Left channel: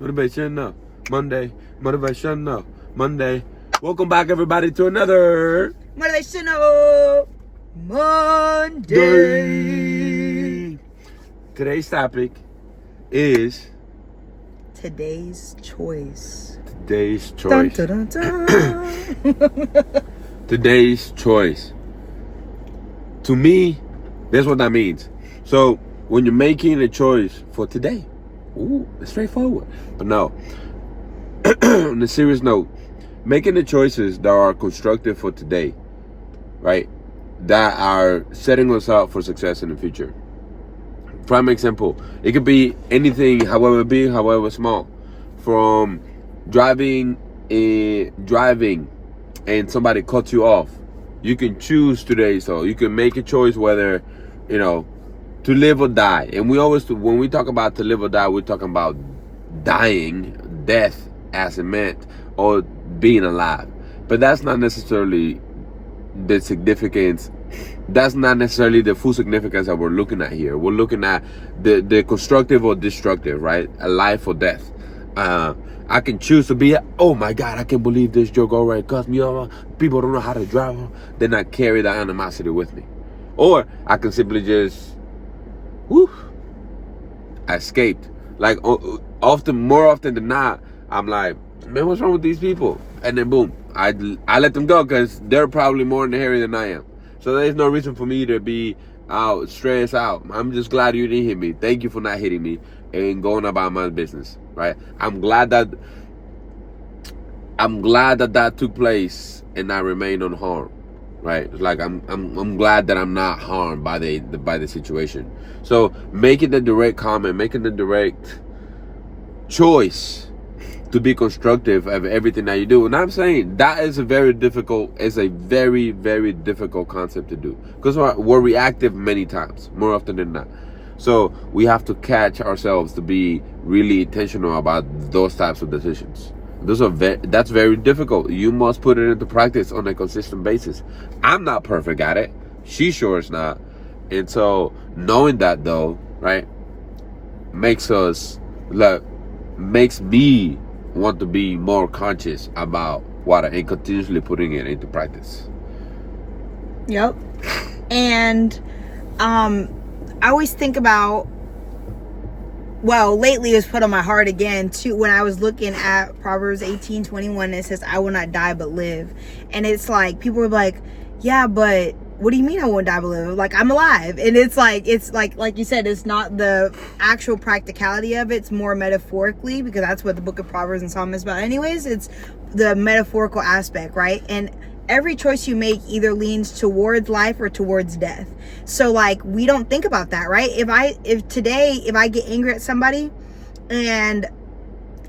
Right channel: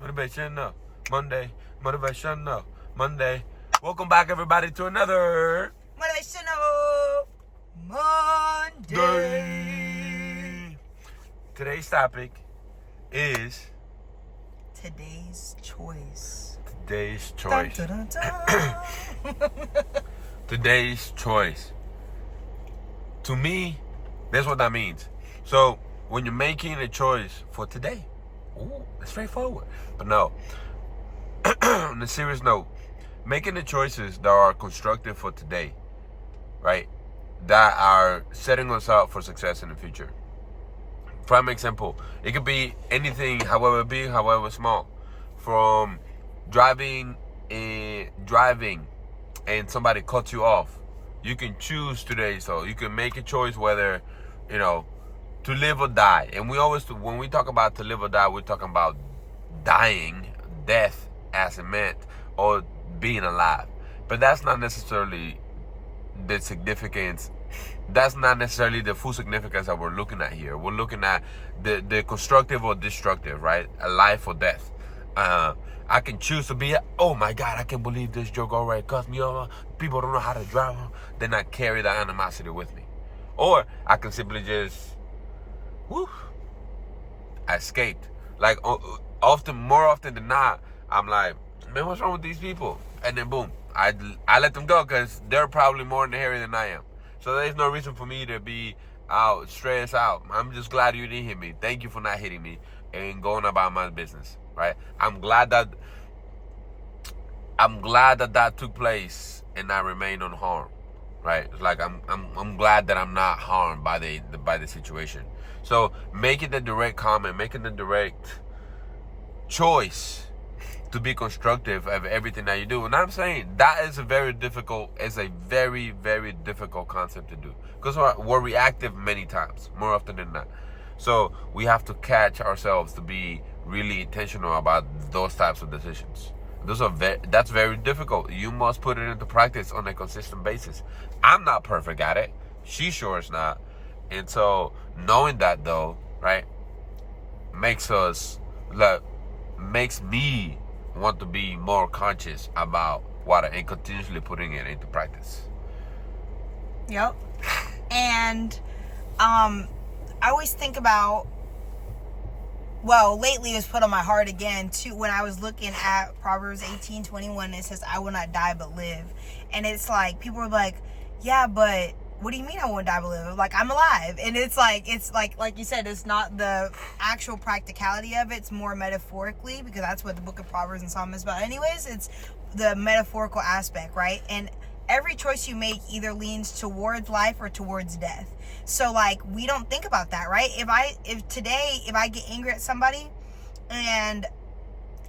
Motivational Monday. Motivational Monday. Welcome back, everybody, to another Motivational Monday. Today's topic is Today's choice. today's choice. Dun, dun, dun, dun. Today's choice. To me, that's what that means. So when you're making a choice for today, it's straightforward. But no, on a serious note, making the choices that are constructive for today, right? That are setting us up for success in the future. Prime example, it could be anything, however big, however small. From driving and somebody cuts you off. You can choose today, so you can make a choice whether, to live or die. And we always, when we talk about to live or die, we're talking about dying, death as it meant, or being alive. But that's not necessarily the significance. That's not necessarily the full significance that we're looking at here. We're looking at the constructive or destructive, right? A life or death. I can choose to be, oh my God, I can't believe this joke already cussed me off. People don't know how to drive. Then I carry that animosity with me. Or I can simply just, escaped. Like more often than not, I'm like, man, what's wrong with these people? And then boom, I let them go because they're probably more in the area than I am. So there's no reason for me to be out, stressed out. I'm just glad you didn't hit me. Thank you for not hitting me and going about my business, right? I'm glad that took place and I remained unharmed, right? Like I'm glad that I'm not harmed by the situation. So making the direct comment, making the direct choice to be constructive of everything that you do. And I'm saying that is a very, very difficult concept to do because we're reactive many times, more often than not. So we have to catch ourselves to be really intentional about those types of decisions. That's very difficult. You must put it into practice on a consistent basis. I'm not perfect at it. She sure is not. And so knowing that though, right, makes me want to be more conscious about what and continuously putting it into practice. Yep. And I always think about, lately it was put on my heart again too when I was looking at Proverbs 18:21. It says, I will not die but live. And it's like, people are like, yeah, but what do you mean I won't die but live? Like, I'm alive. And it's like you said, it's not the actual practicality of it. It's more metaphorically, because that's what the book of Proverbs and Psalm is about anyways. It's the metaphorical aspect, right? And every choice you make either leans towards life or towards death. So like, we don't think about that, right? If today I get angry at somebody and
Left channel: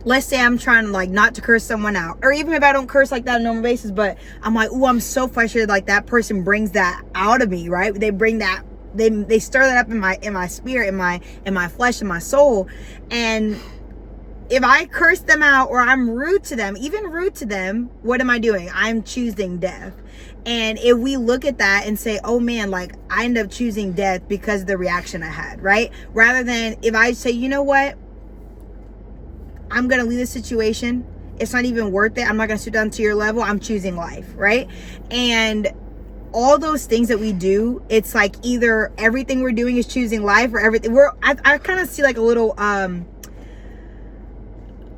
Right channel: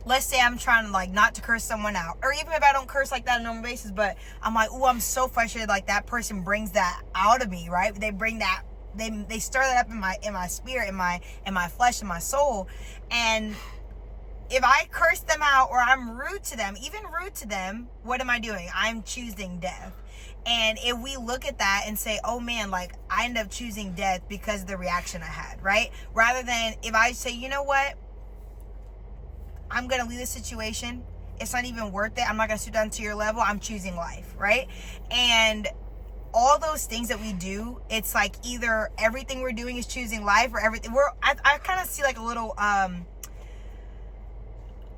let's say I'm trying to like not to curse someone out, or even if I don't curse like that on a normal basis, but I'm like, I'm so frustrated, like that person brings that out of me, right? They bring that, they stir that up in my spirit, in my flesh, in my soul. And if I curse them out or I'm rude to them, what am I doing? I'm choosing death. And if we look at that and say, oh man, like I end up choosing death because of the reaction I had, right? Rather than if I say, you know what? I'm going to leave the situation. It's not even worth it. I'm not going to sit down to your level. I'm choosing life, right? And all those things that we do, it's like either everything we're doing is choosing life or everything. I kind of see like a little,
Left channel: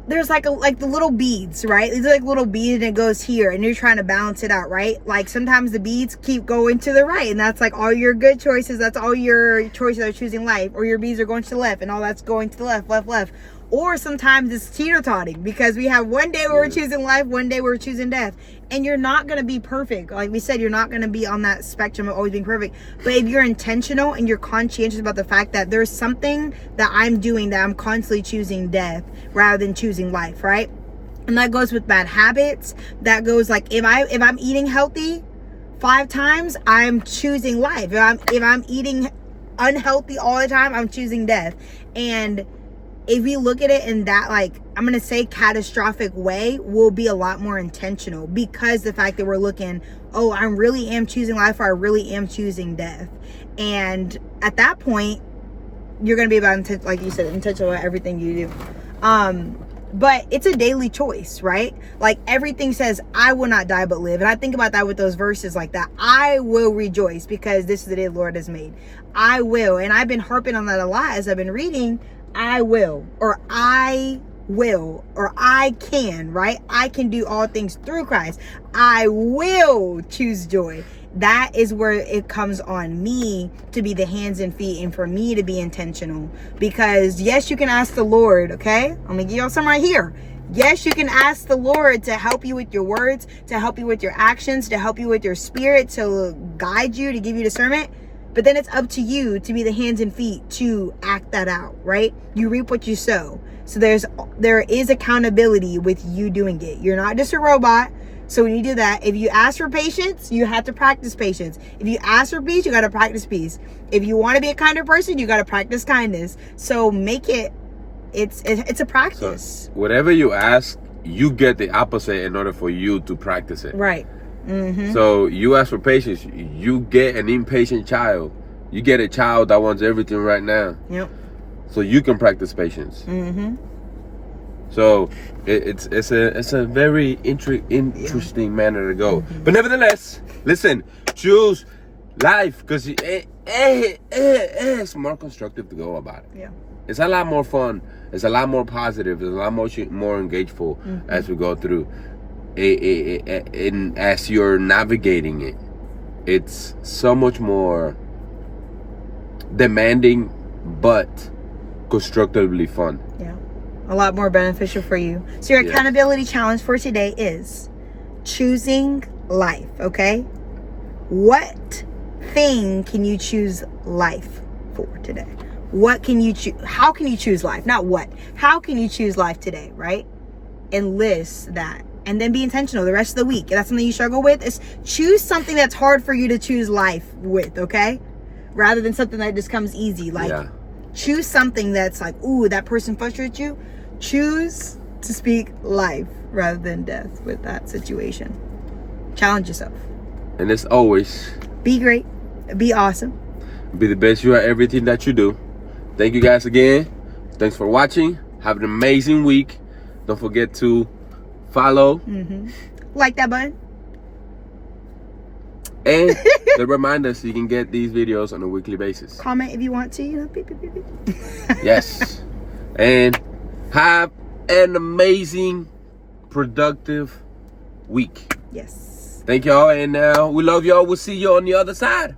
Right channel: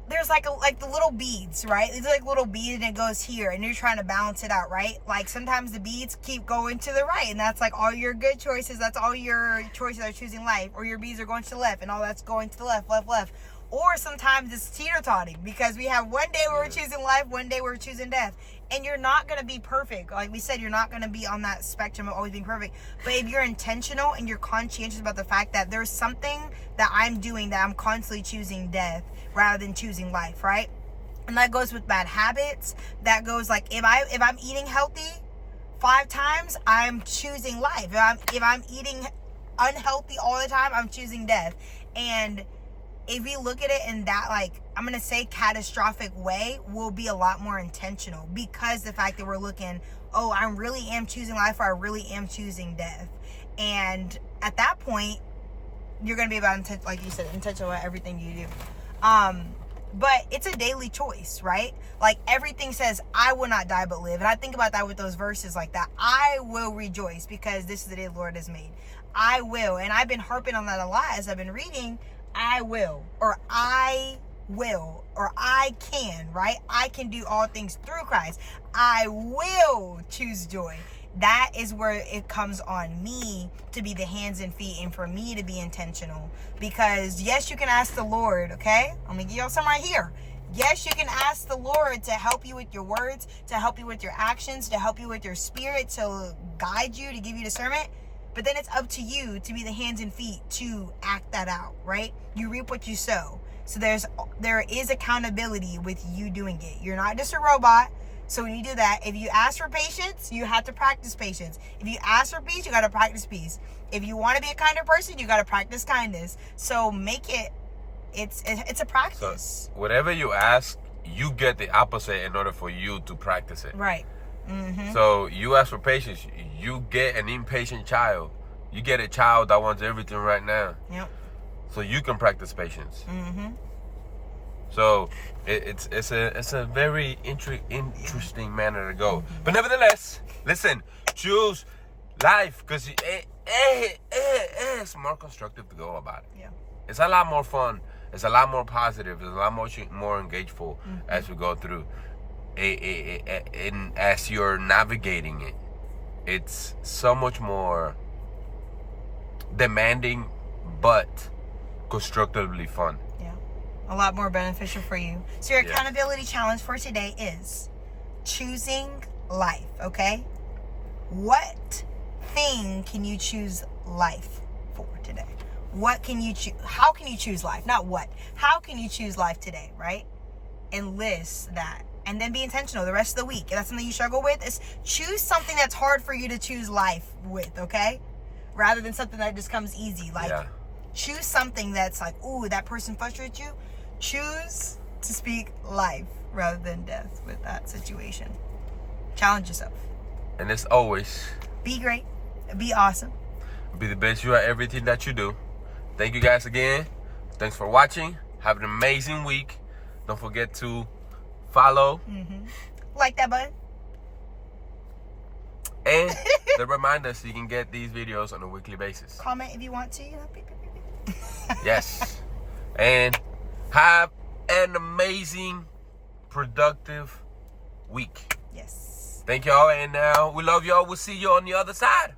there's like the little beads, right? These are like little beads and it goes here and you're trying to balance it out, right? Like sometimes the beads keep going to the right and that's like all your good choices. That's all your choices are choosing life, or your beads are going to the left and all that's going to the left. Or sometimes it's teeter-totting because we have one day where we're choosing life, one day we're choosing death. And you're not going to be perfect. Like we said, you're not going to be on that spectrum of always being perfect. But if you're intentional and you're conscientious about the fact that there's something that I'm doing that I'm constantly choosing death rather than choosing life, right? And that goes with bad habits. That goes like if I'm eating healthy 5 times, I'm choosing life. If I'm eating unhealthy all the time, I'm choosing death. And if we look at it in that, like, I'm going to say catastrophic way, we'll be a lot more intentional because the fact that we're looking, oh, I really am choosing life or I really am choosing death. And at that point, you're going to be about, like you said, intentional about everything you do. But it's a daily choice, right? Like everything says, I will not die but live. And I think about that with those verses like that. I will rejoice because this is the day the Lord has made. I will. And I've been harping on that a lot as I've been reading. I will, or I will, or I can, right? I can do all things through Christ. I will choose joy. That is where it comes on me to be the hands and feet and for me to be intentional. Because yes, you can ask the Lord, okay? I'm gonna give y'all some right here. Yes, you can ask the Lord to help you with your words, to help you with your actions, to help you with your spirit, to guide you, to give you discernment. But then it's up to you to be the hands and feet to act that out, right? You reap what you sow. So there is accountability with you doing it. You're not just a robot. So when you do that, if you ask for patience, you have to practice patience. If you ask for peace, you got to practice peace. If you want to be a kinder person, you got to practice kindness. So make it, it's a practice. So whatever you ask, you get the opposite in order for you to practice it. Right. Mm-hmm. So you ask for patience, you get an impatient child. You get a child that wants everything right now. Yep. So you can practice patience. Mm-hmm. So it's a very interesting manner to go. Mm-hmm. But nevertheless, listen, choose life because it's more constructive to go about it. Yeah. It's a lot more fun. It's a lot more positive. It's a lot more engageful as we go through. And as you're navigating it, it's so much more demanding, but constructively fun. Yeah. A lot more beneficial for you. So your accountability challenge for today is choosing life, okay? What thing can you choose life for today? What can you choose? How can you choose life? Not what. How can you choose life today, right? Enlist that. And then be intentional the rest of the week. If that's something you struggle with, is choose something that's hard for you to choose life with, okay? Rather than something that just comes easy. Like, choose something that's like, ooh, that person frustrates you. Choose to speak life rather than death with that situation. Challenge yourself. And as always, be great. Be awesome. Be the best you at everything that you do. Thank you guys again. Thanks for watching. Have an amazing week. Don't forget to follow. Like that button. And the reminder so you can get these videos on a weekly basis. Comment if you want to. You know, beep, beep, beep, beep. Yes. And have an amazing, productive week. Yes. Thank y'all. And we love y'all. We'll see you on the other side.